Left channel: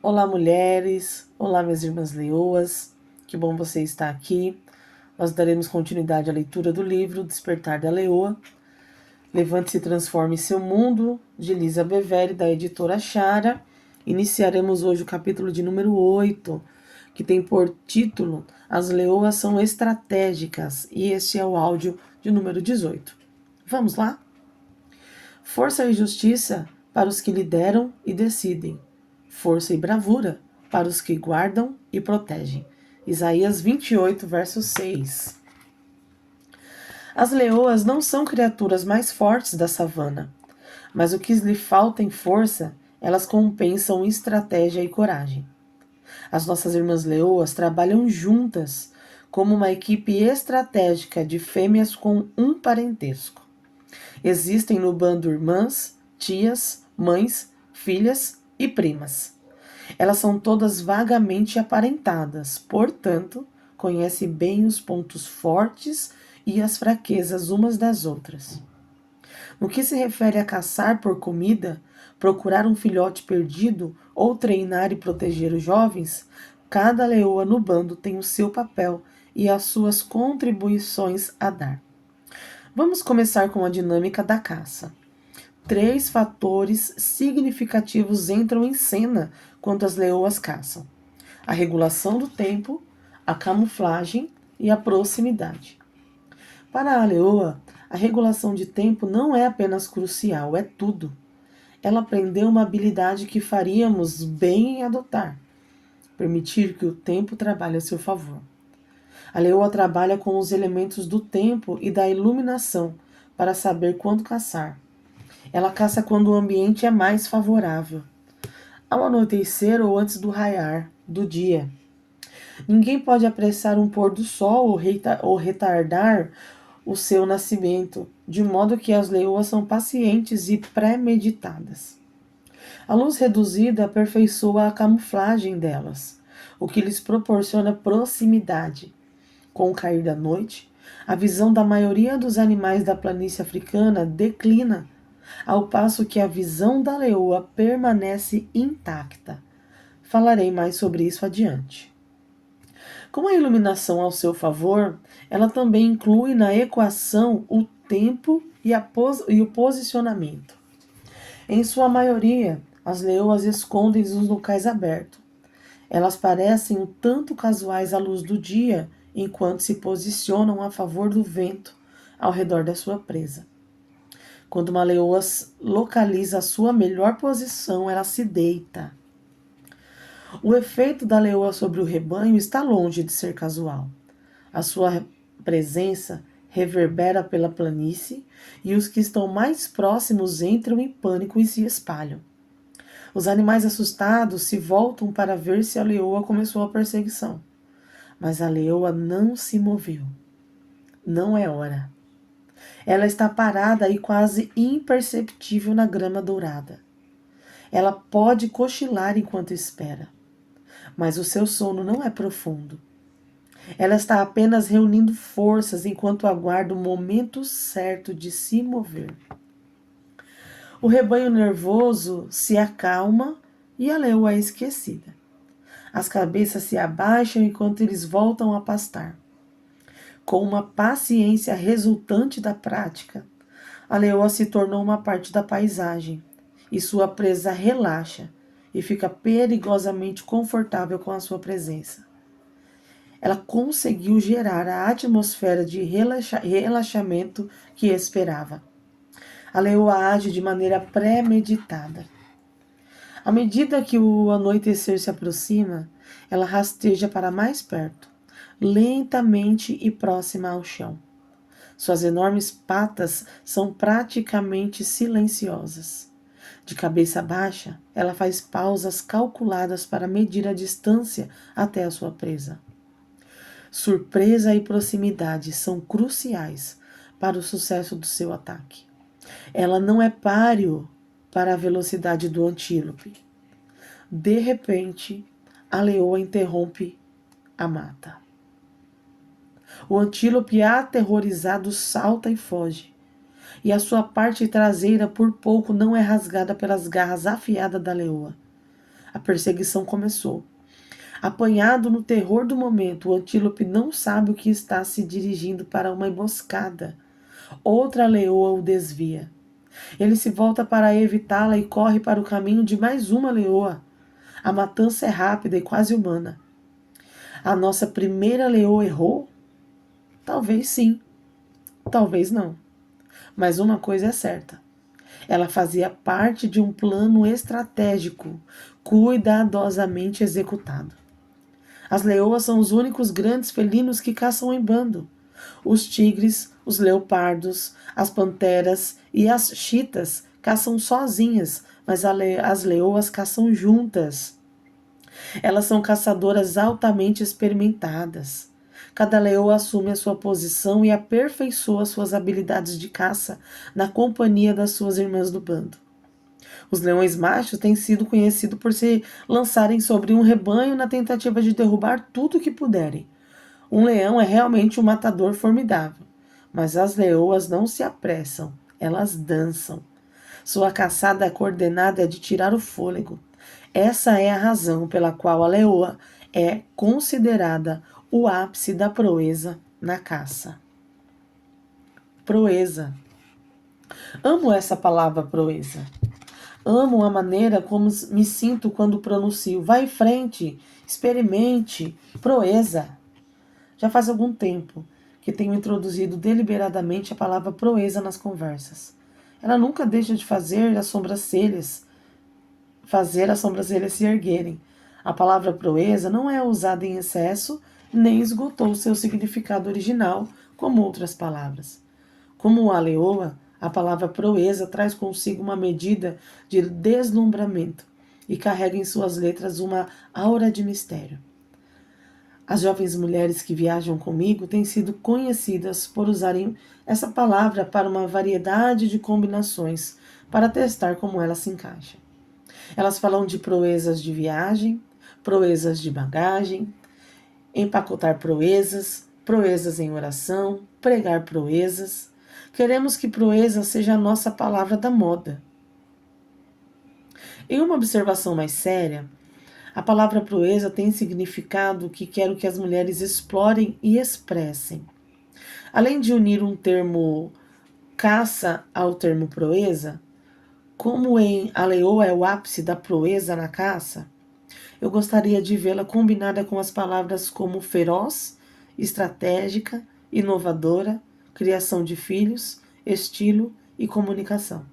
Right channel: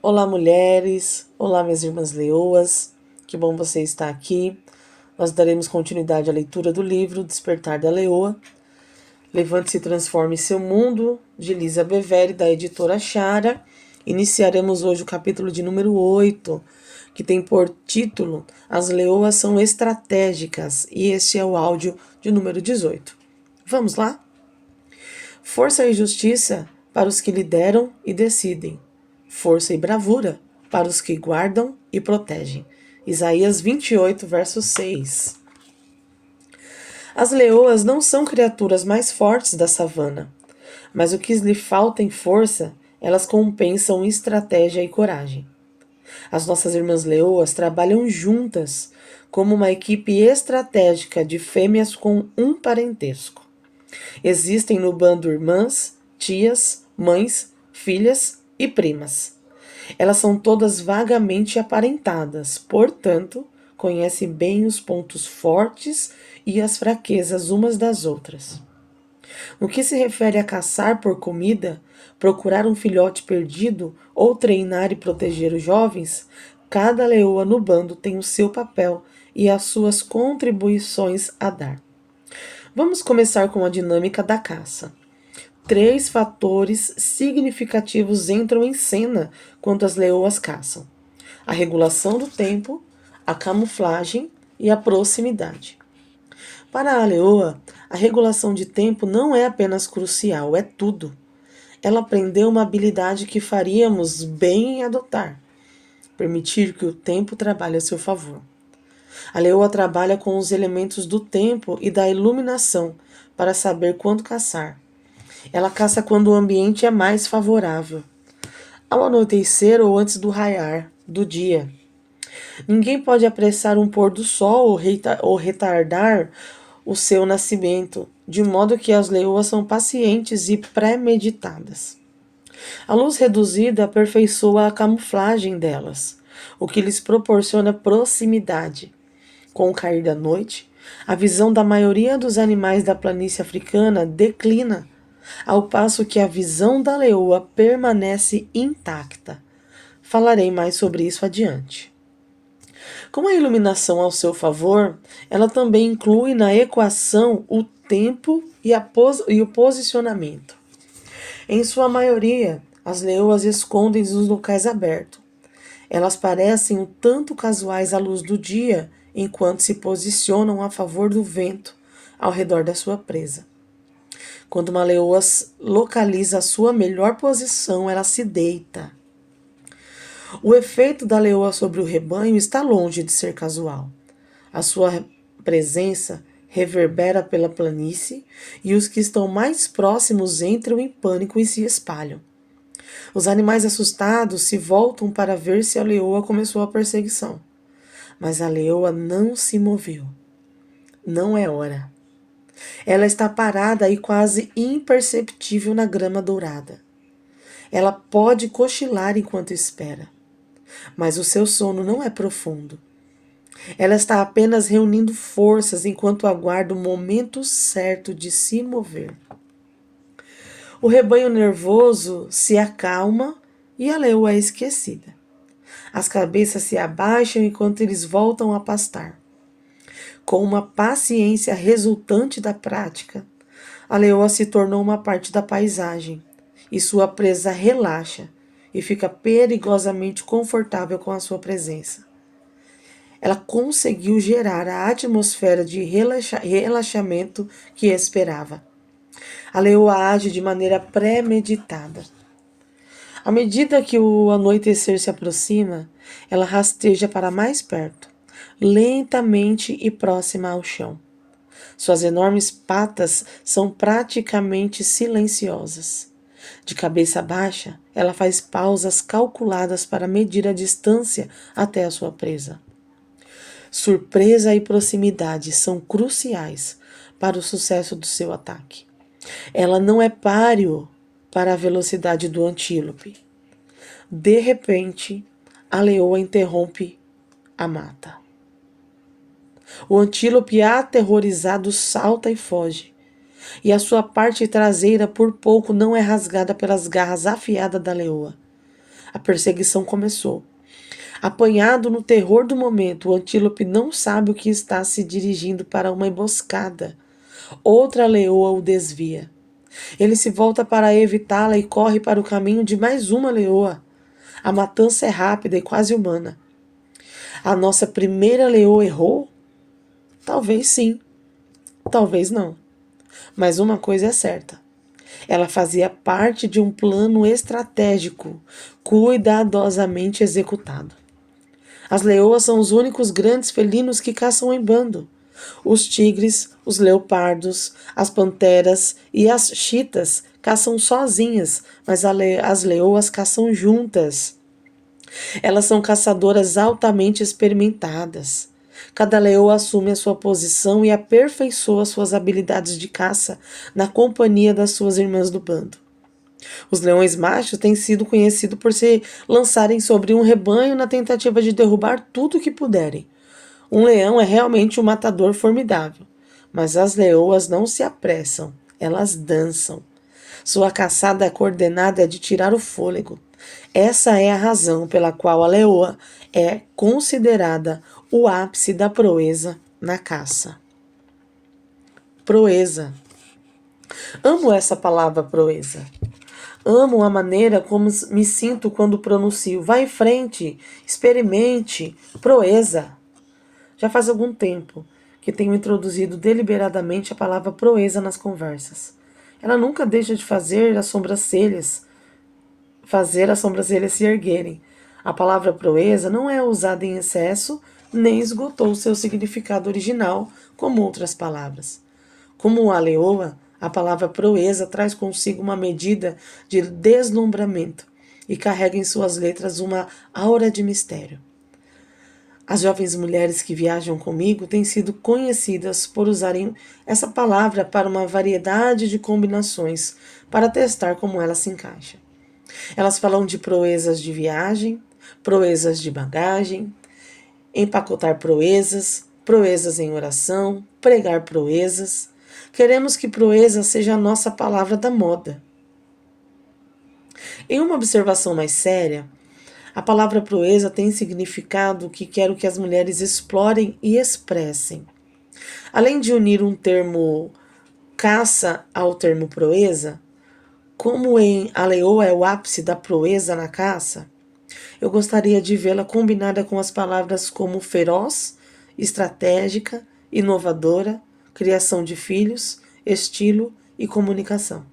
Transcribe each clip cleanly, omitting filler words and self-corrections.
Olá, mulheres! Olá, minhas irmãs leoas! Que bom você estar aqui. Nós daremos continuidade à leitura do livro Despertar da Leoa. Levante-se e transforme seu mundo, de Lisa Bevere, da editora Chara. Iniciaremos hoje o capítulo de número 8, que tem por título As Leoas são Estratégicas, e este é o áudio de número 18. Vamos lá? Força e justiça para os que lideram e decidem. Força e bravura para os que guardam e protegem. Isaías 28, verso 6. As leoas não são criaturas mais fortes da savana, mas o que lhe falta em força, elas compensam em estratégia e coragem. As nossas irmãs leoas trabalham juntas como uma equipe estratégica de fêmeas com um parentesco. Existem no bando irmãs, tias, mães, filhas e primas. Elas são todas vagamente aparentadas, portanto, conhecem bem os pontos fortes e as fraquezas umas das outras. No que se refere a caçar por comida, procurar um filhote perdido ou treinar e proteger os jovens, cada leoa no bando tem o seu papel e as suas contribuições a dar. Vamos começar com a dinâmica da caça. Três fatores significativos entram em cena quando as leoas caçam: a regulação do tempo, a camuflagem e a proximidade. Para a leoa, a regulação de tempo não é apenas crucial, é tudo. Ela aprendeu uma habilidade que faríamos bem em adotar: permitir que o tempo trabalhe a seu favor. A leoa trabalha com os elementos do tempo e da iluminação para saber quando caçar. Ela caça quando o ambiente é mais favorável, ao anoitecer ou antes do raiar do dia. Ninguém pode apressar um pôr do sol ou retardar o seu nascimento, de modo que as leoas são pacientes e premeditadas. A luz reduzida aperfeiçoa a camuflagem delas, o que lhes proporciona proximidade. Com o cair da noite, a visão da maioria dos animais da planície africana declina, ao passo que a visão da leoa permanece intacta. Falarei mais sobre isso adiante. Com a iluminação ao seu favor, ela também inclui na equação o tempo e o posicionamento. Em sua maioria, as leoas escondem-se nos locais abertos. Elas parecem um tanto casuais à luz do dia, enquanto se posicionam a favor do vento ao redor da sua presa. Quando uma leoa localiza a sua melhor posição, ela se deita. O efeito da leoa sobre o rebanho está longe de ser casual. A sua presença reverbera pela planície e os que estão mais próximos entram em pânico e se espalham. Os animais assustados se voltam para ver se a leoa começou a perseguição. Mas a leoa não se moveu. Não é hora. Ela está parada e quase imperceptível na grama dourada. Ela pode cochilar enquanto espera, mas o seu sono não é profundo. Ela está apenas reunindo forças enquanto aguarda o momento certo de se mover. O rebanho nervoso se acalma e a leoa é esquecida. As cabeças se abaixam enquanto eles voltam a pastar. Com uma paciência resultante da prática, a leoa se tornou uma parte da paisagem e sua presa relaxa e fica perigosamente confortável com a sua presença. Ela conseguiu gerar a atmosfera de relaxamento que esperava. A leoa age de maneira premeditada. À medida que o anoitecer se aproxima, ela rasteja para mais perto, lentamente e próxima ao chão. Suas enormes patas são praticamente silenciosas. De cabeça baixa, ela faz pausas calculadas para medir a distância até a sua presa. Surpresa e proximidade são cruciais para o sucesso do seu ataque. Ela não é páreo para a velocidade do antílope. De repente, a leoa interrompe a mata. O antílope aterrorizado salta e foge, e a sua parte traseira por pouco não é rasgada pelas garras afiadas da leoa. A perseguição começou. Apanhado no terror do momento, o antílope não sabe o que está se dirigindo para uma emboscada. Outra leoa o desvia. Ele se volta para evitá-la e corre para o caminho de mais uma leoa. A matança é rápida e quase humana. A nossa primeira leoa errou? Talvez sim, talvez não. Mas uma coisa é certa. Ela fazia parte de um plano estratégico, cuidadosamente executado. As leoas são os únicos grandes felinos que caçam em bando. Os tigres, os leopardos, as panteras e as chitas caçam sozinhas, mas as leoas caçam juntas. Elas são caçadoras altamente experimentadas. Cada leoa assume a sua posição e aperfeiçoa suas habilidades de caça na companhia das suas irmãs do bando. Os leões machos têm sido conhecidos por se lançarem sobre um rebanho na tentativa de derrubar tudo o que puderem. Um leão é realmente um matador formidável, mas as leoas não se apressam, elas dançam. Sua caçada coordenada é de tirar o fôlego. Essa é a razão pela qual a leoa é considerada o ápice da proeza na caça. Proeza. Amo essa palavra proeza. Amo a maneira como me sinto quando pronuncio. Vá em frente, experimente, proeza. Já faz algum tempo que tenho introduzido deliberadamente a palavra proeza nas conversas. Ela nunca deixa de fazer as sobrancelhas se erguerem. A palavra proeza não é usada em excesso, nem esgotou seu significado original, como outras palavras. Como a leoa, a palavra proeza traz consigo uma medida de deslumbramento e carrega em suas letras uma aura de mistério. As jovens mulheres que viajam comigo têm sido conhecidas por usarem essa palavra para uma variedade de combinações, para testar como ela se encaixa. Elas falam de proezas de viagem, proezas de bagagem, empacotar proezas, proezas em oração, pregar proezas. Queremos que proeza seja a nossa palavra da moda. Em uma observação mais séria, a palavra proeza tem significado que quero que as mulheres explorem e expressem. Além de unir um termo caça ao termo proeza, como em a leoa é o ápice da proeza na caça, eu gostaria de vê-la combinada com as palavras como feroz, estratégica, inovadora, criação de filhos, estilo e comunicação.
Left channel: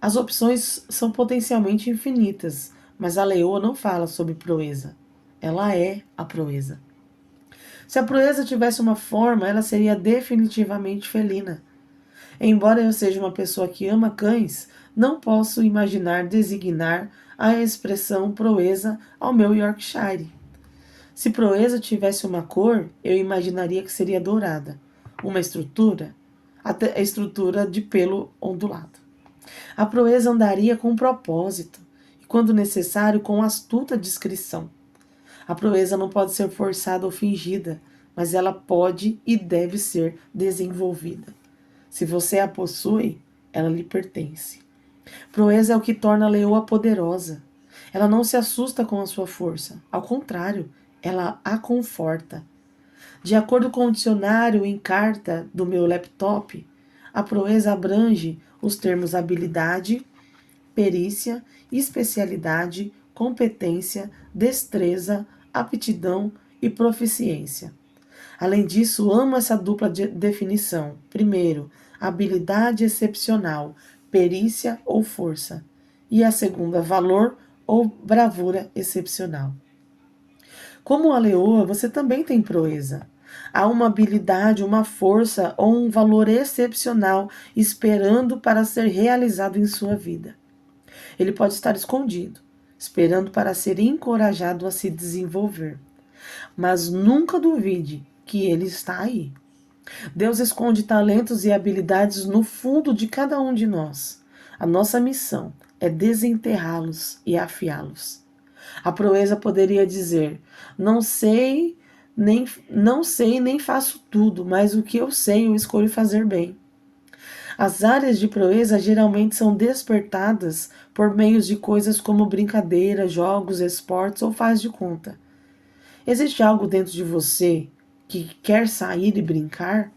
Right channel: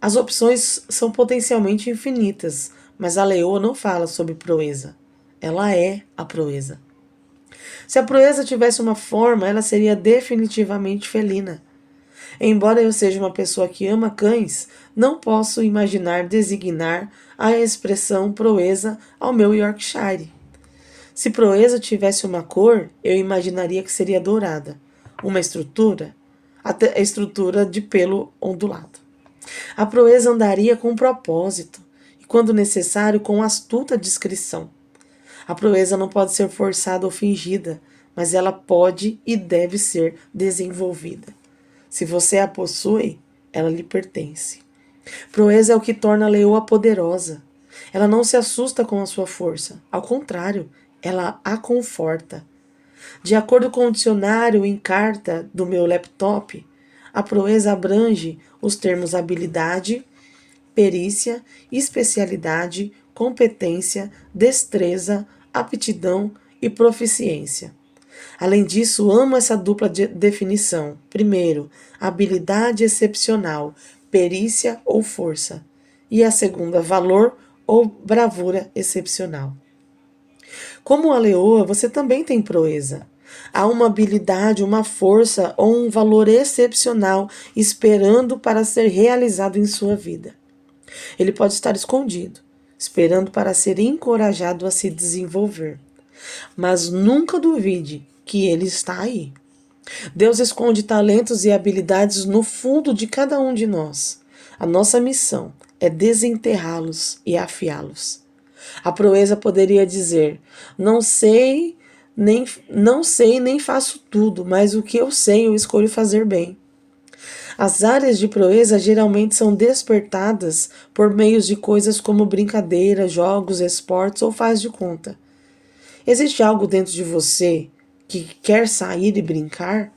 As opções são potencialmente infinitas, mas a leoa não fala sobre proeza. Ela é a proeza. Se a proeza tivesse uma forma, ela seria definitivamente felina. Embora eu seja uma pessoa que ama cães, não posso imaginar designar a expressão proeza ao meu Yorkshire. Se proeza tivesse uma cor, eu imaginaria que seria dourada. Uma estrutura, até a estrutura de pelo ondulado. A proeza andaria com propósito e, quando necessário, com astuta discrição. A proeza não pode ser forçada ou fingida, mas ela pode e deve ser desenvolvida. Se você a possui, ela lhe pertence. Proeza é o que torna a leoa poderosa. Ela não se assusta com a sua força. Ao contrário, ela a conforta. De acordo com o dicionário em carta do meu laptop, a proeza abrange os termos habilidade, perícia, especialidade, competência, destreza, aptidão e proficiência. Além disso, amo essa dupla definição. Primeiro, habilidade excepcional, perícia ou força. E a segunda, valor ou bravura excepcional. Como a leoa, você também tem proeza. Há uma habilidade, uma força ou um valor excepcional esperando para ser realizado em sua vida. Ele pode estar escondido, esperando para ser encorajado a se desenvolver. Mas nunca duvide que ele está aí. Deus esconde talentos e habilidades no fundo de cada um de nós. A nossa missão é desenterrá-los e afiá-los. A proeza poderia dizer: não sei nem faço tudo, mas o que eu sei eu escolho fazer bem. As áreas de proeza geralmente são despertadas por meios de coisas como brincadeiras, jogos, esportes ou faz de conta. Existe algo dentro de você que quer sair e brincar?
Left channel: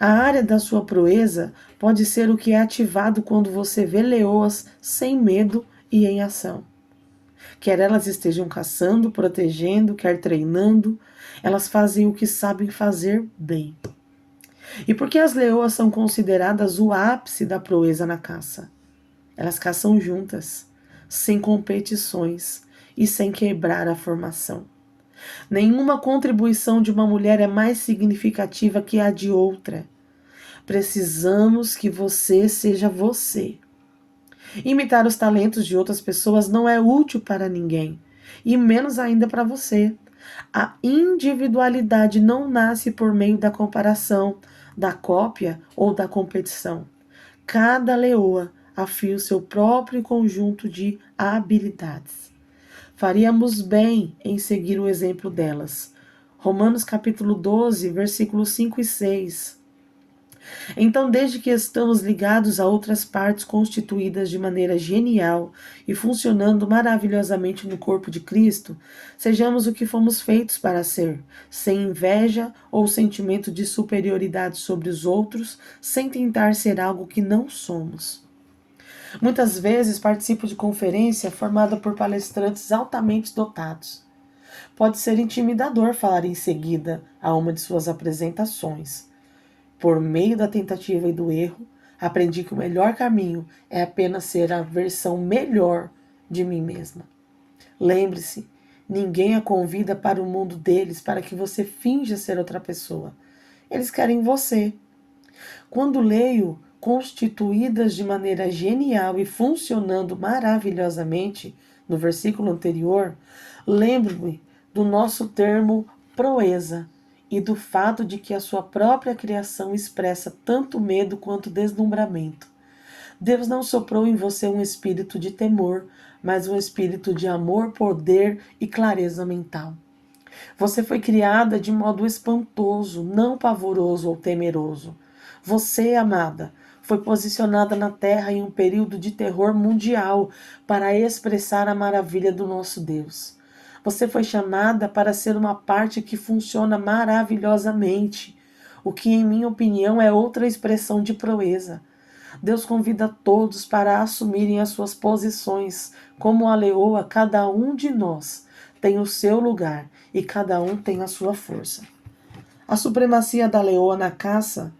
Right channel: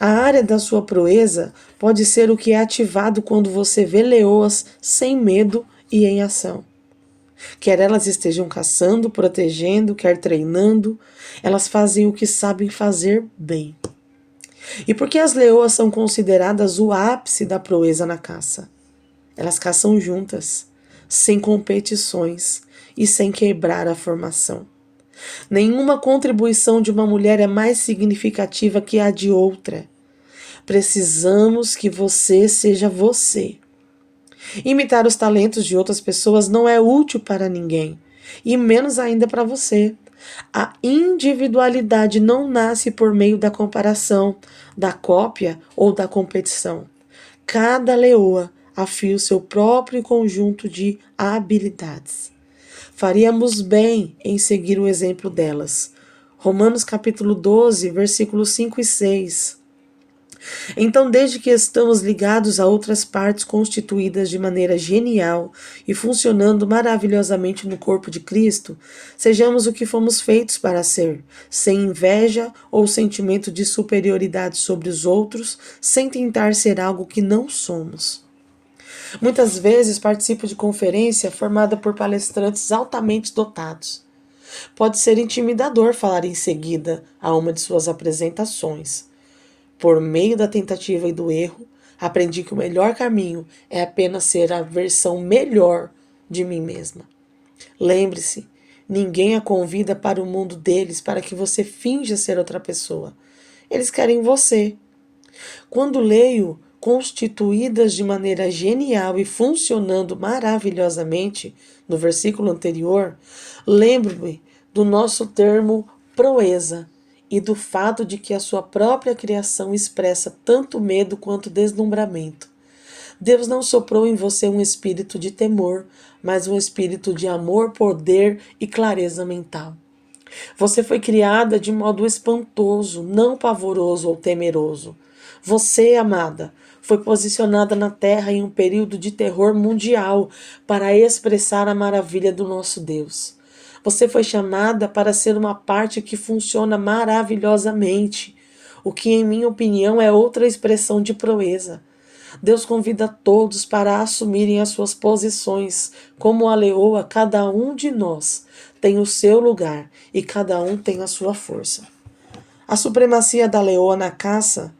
A área da sua proeza pode ser o que é ativado quando você vê leoas sem medo e em ação. Quer elas estejam caçando, protegendo, quer treinando, elas fazem o que sabem fazer bem. E por que as leoas são consideradas o ápice da proeza na caça? Elas caçam juntas, sem competições e sem quebrar a formação. Nenhuma contribuição de uma mulher é mais significativa que a de outra. Precisamos que você seja você. Imitar os talentos de outras pessoas não é útil para ninguém, e menos ainda para você. A individualidade não nasce por meio da comparação, da cópia ou da competição. Cada leoa afia o seu próprio conjunto de habilidades. Faríamos bem em seguir o exemplo delas. Romanos capítulo 12, versículos 5 e 6. Então, desde que estamos ligados a outras partes constituídas de maneira genial e funcionando maravilhosamente no corpo de Cristo, sejamos o que fomos feitos para ser, sem inveja ou sentimento de superioridade sobre os outros, sem tentar ser algo que não somos. Muitas vezes participo de conferência formada por palestrantes altamente dotados. Pode ser intimidador falar em seguida a uma de suas apresentações. Por meio da tentativa e do erro, aprendi que o melhor caminho é apenas ser a versão melhor de mim mesma. Lembre-se, ninguém a convida para o mundo deles para que você finja ser outra pessoa. Eles querem você. Quando leio constituídas de maneira genial e funcionando maravilhosamente, no versículo anterior, lembro-me do nosso termo proeza e do fato de que a sua própria criação expressa tanto medo quanto deslumbramento. Deus não soprou em você um espírito de temor, mas um espírito de amor, poder e clareza mental. Você foi criada de modo espantoso, não pavoroso ou temeroso. Você, amada, foi posicionada na Terra em um período de terror mundial para expressar a maravilha do nosso Deus. Você foi chamada para ser uma parte que funciona maravilhosamente, o que, em minha opinião, é outra expressão de proeza. Deus convida todos para assumirem as suas posições. Como a leoa, cada um de nós tem o seu lugar e cada um tem a sua força. A supremacia da leoa na caça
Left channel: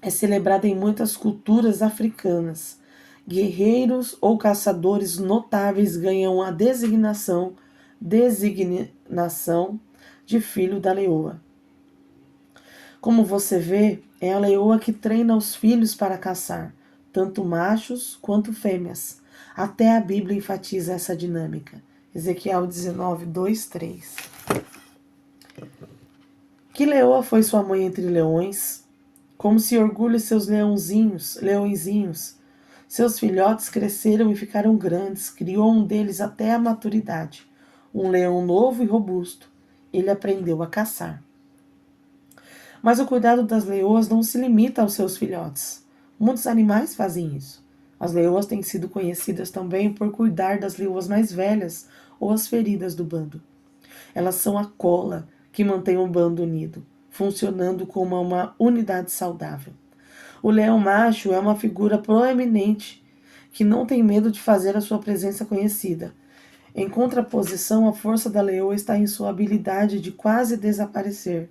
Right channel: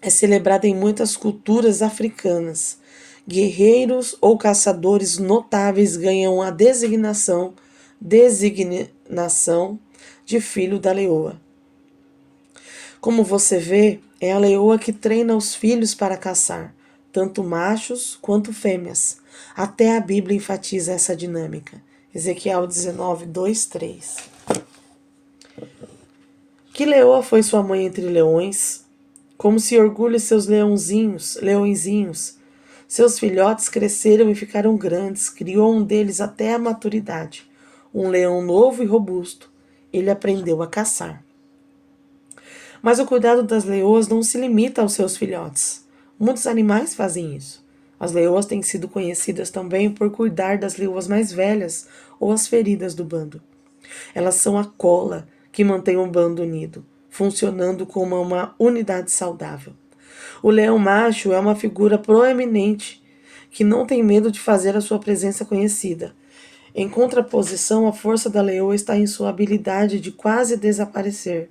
é celebrada em muitas culturas africanas. Guerreiros ou caçadores notáveis ganham a designação de filho da leoa. Como você vê, é a leoa que treina os filhos para caçar, tanto machos quanto fêmeas. Até a Bíblia enfatiza essa dinâmica. Ezequiel 19, 2, 3. Que leoa foi sua mãe entre leões? Como se orgulha seus leõezinhos. Seus filhotes cresceram e ficaram grandes, criou um deles até a maturidade. Um leão novo e robusto. Ele aprendeu a caçar. Mas o cuidado das leoas não se limita aos seus filhotes. Muitos animais fazem isso. As leoas têm sido conhecidas também por cuidar das leoas mais velhas ou as feridas do bando. Elas são a cola que mantém o bando unido, funcionando como uma unidade saudável. O leão macho é uma figura proeminente que não tem medo de fazer a sua presença conhecida. Em contraposição, a força da leoa está em sua habilidade de quase desaparecer.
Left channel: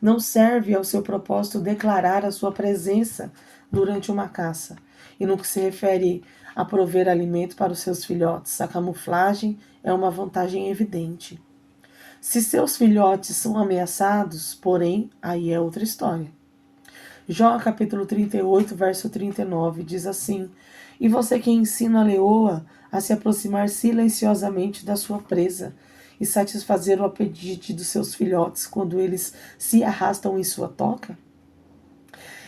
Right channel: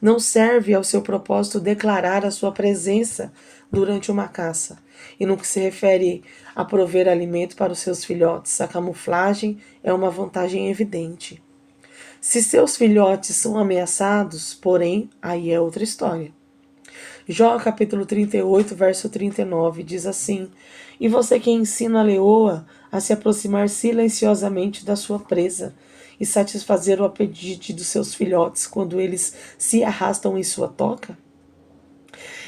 Não serve ao seu propósito declarar a sua presença durante uma caça. E no que se refere a prover alimento para os seus filhotes, a camuflagem é uma vantagem evidente. Se seus filhotes são ameaçados, porém, aí é outra história. Jó capítulo 38, verso 39, diz assim: E você que ensina a leoa a se aproximar silenciosamente da sua presa e satisfazer o apetite dos seus filhotes quando eles se arrastam em sua toca?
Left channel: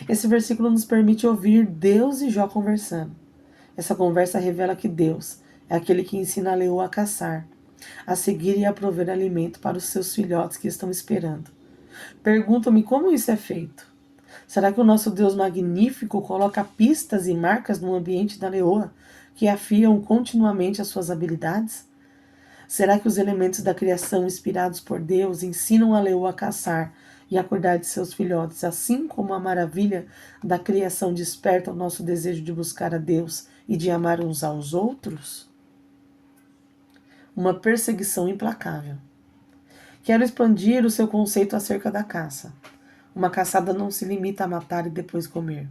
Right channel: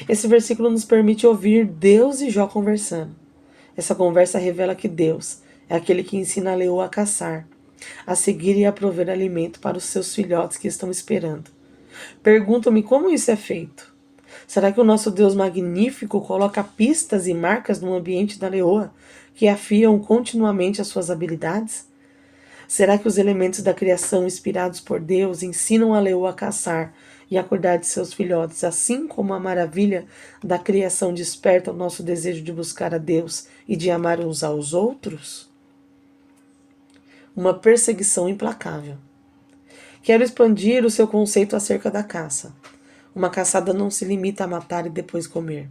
Esse versículo nos permite ouvir Deus e Jó conversando. Essa conversa revela que Deus é aquele que ensina a leoa a caçar, a seguir e a prover alimento para os seus filhotes que estão esperando. Pergunto-me como isso é feito. Será que o nosso Deus magnífico coloca pistas e marcas no ambiente da leoa que afiam continuamente as suas habilidades? Será que os elementos da criação inspirados por Deus ensinam a leoa a caçar e a cuidar de seus filhotes, assim como a maravilha da criação desperta o nosso desejo de buscar a Deus e de amar uns aos outros? Uma perseguição implacável. Quero expandir o seu conceito acerca da caça. Uma caçada não se limita a matar e depois comer.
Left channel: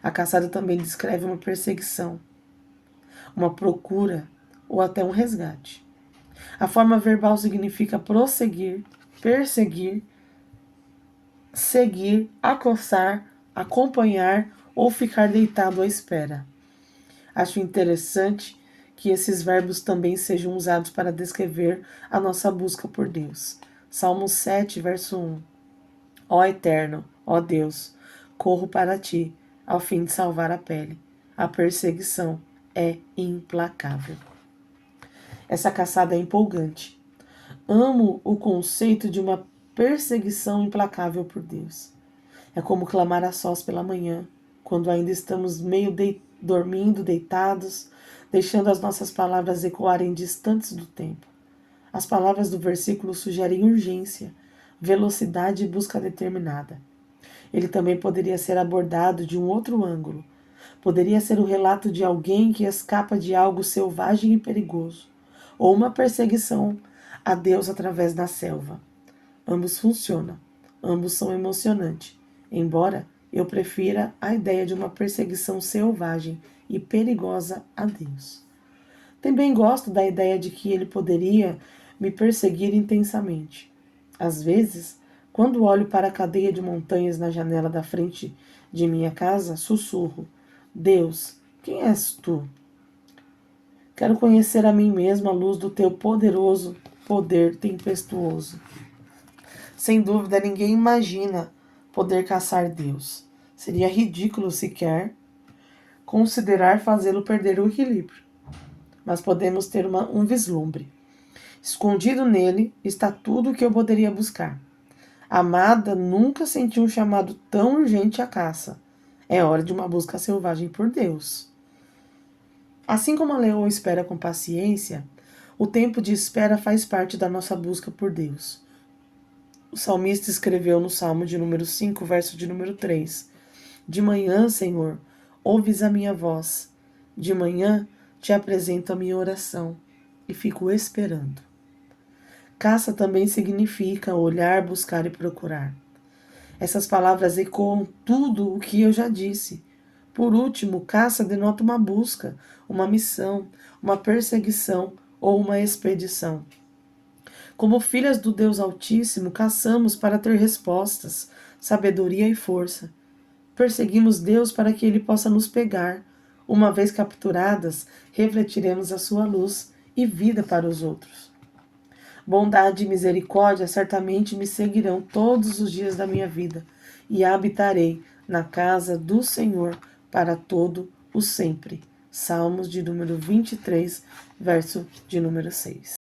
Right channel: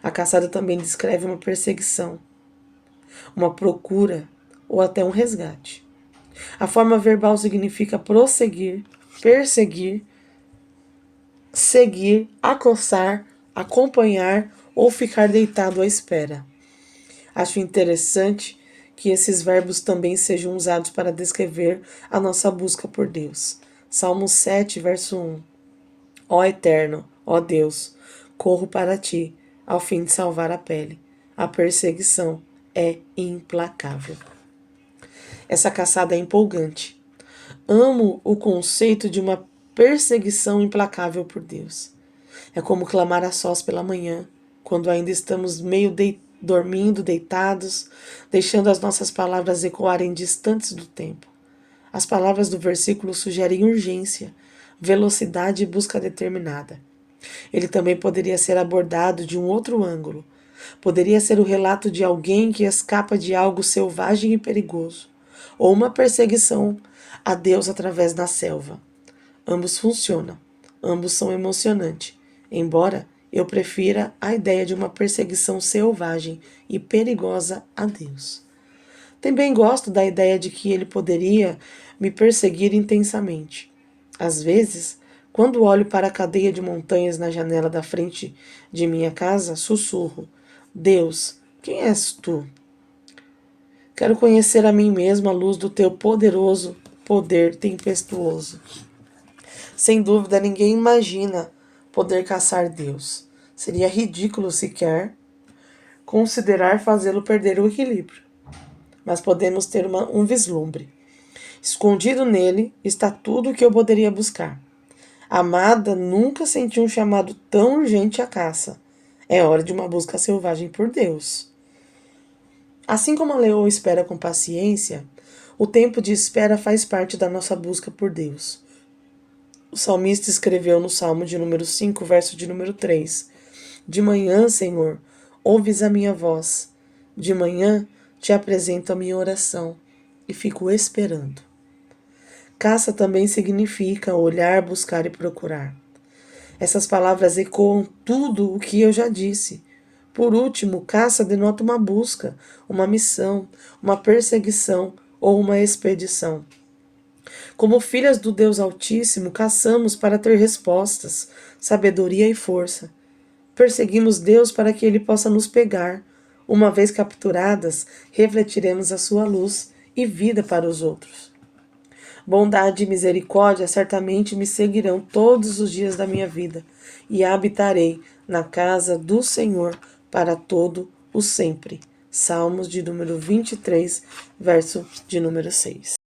A caçada também descreve uma perseguição, uma procura ou até um resgate. A forma verbal significa prosseguir, perseguir, seguir, acossar, acompanhar ou ficar deitado à espera. Acho interessante que esses verbos também sejam usados para descrever a nossa busca por Deus. Salmo 7, verso 1. Ó Eterno, ó Deus, corro para ti, ao fim de salvar a pele. A perseguição é implacável. Essa caçada é empolgante. Amo o conceito de uma perseguição implacável por Deus. É como clamar a sós pela manhã, quando ainda estamos meio dormindo, deitados, deixando as nossas palavras ecoarem distantes do tempo. As palavras do versículo sugerem urgência, velocidade e busca determinada. Ele também poderia ser abordado de um outro ângulo. Poderia ser o relato de alguém que escapa de algo selvagem e perigoso, ou uma perseguição a Deus através da selva. Ambos funcionam, ambos são emocionantes, embora eu prefira a ideia de uma perseguição selvagem e perigosa a Deus. Também gosto da ideia de que ele poderia me perseguir intensamente. Às vezes, quando olho para a cadeia de montanhas na janela da frente de minha casa, sussurro: Deus, quem és tu? Quero conhecer a mim mesmo à luz do teu poderoso poder tempestuoso. Sem dúvida, ninguém imagina poder caçar Deus. Seria ridículo sequer considerar fazê-lo perder o equilíbrio. Mas podemos ter um vislumbre. Escondido nele está tudo o que eu poderia buscar. Amada nunca sentiu um chamado tão urgente à caça. É hora de uma busca selvagem por Deus. Assim como a leoa espera com paciência, o tempo de espera faz parte da nossa busca por Deus. O salmista escreveu no Salmo de número 5, verso de número 3. De manhã, Senhor, ouves a minha voz. De manhã te apresento a minha oração e fico esperando. Caça também significa olhar, buscar e procurar. Essas palavras ecoam tudo o que eu já disse. Por último, caça denota uma busca, uma missão, uma perseguição ou uma expedição. Como filhas do Deus Altíssimo, caçamos para ter respostas, sabedoria e força. Perseguimos Deus para que Ele possa nos pegar. Uma vez capturadas, refletiremos a sua luz e vida para os outros. Bondade e misericórdia certamente me seguirão todos os dias da minha vida, e habitarei na casa do Senhor para todo o sempre. Salmos de número 23, verso de número 6.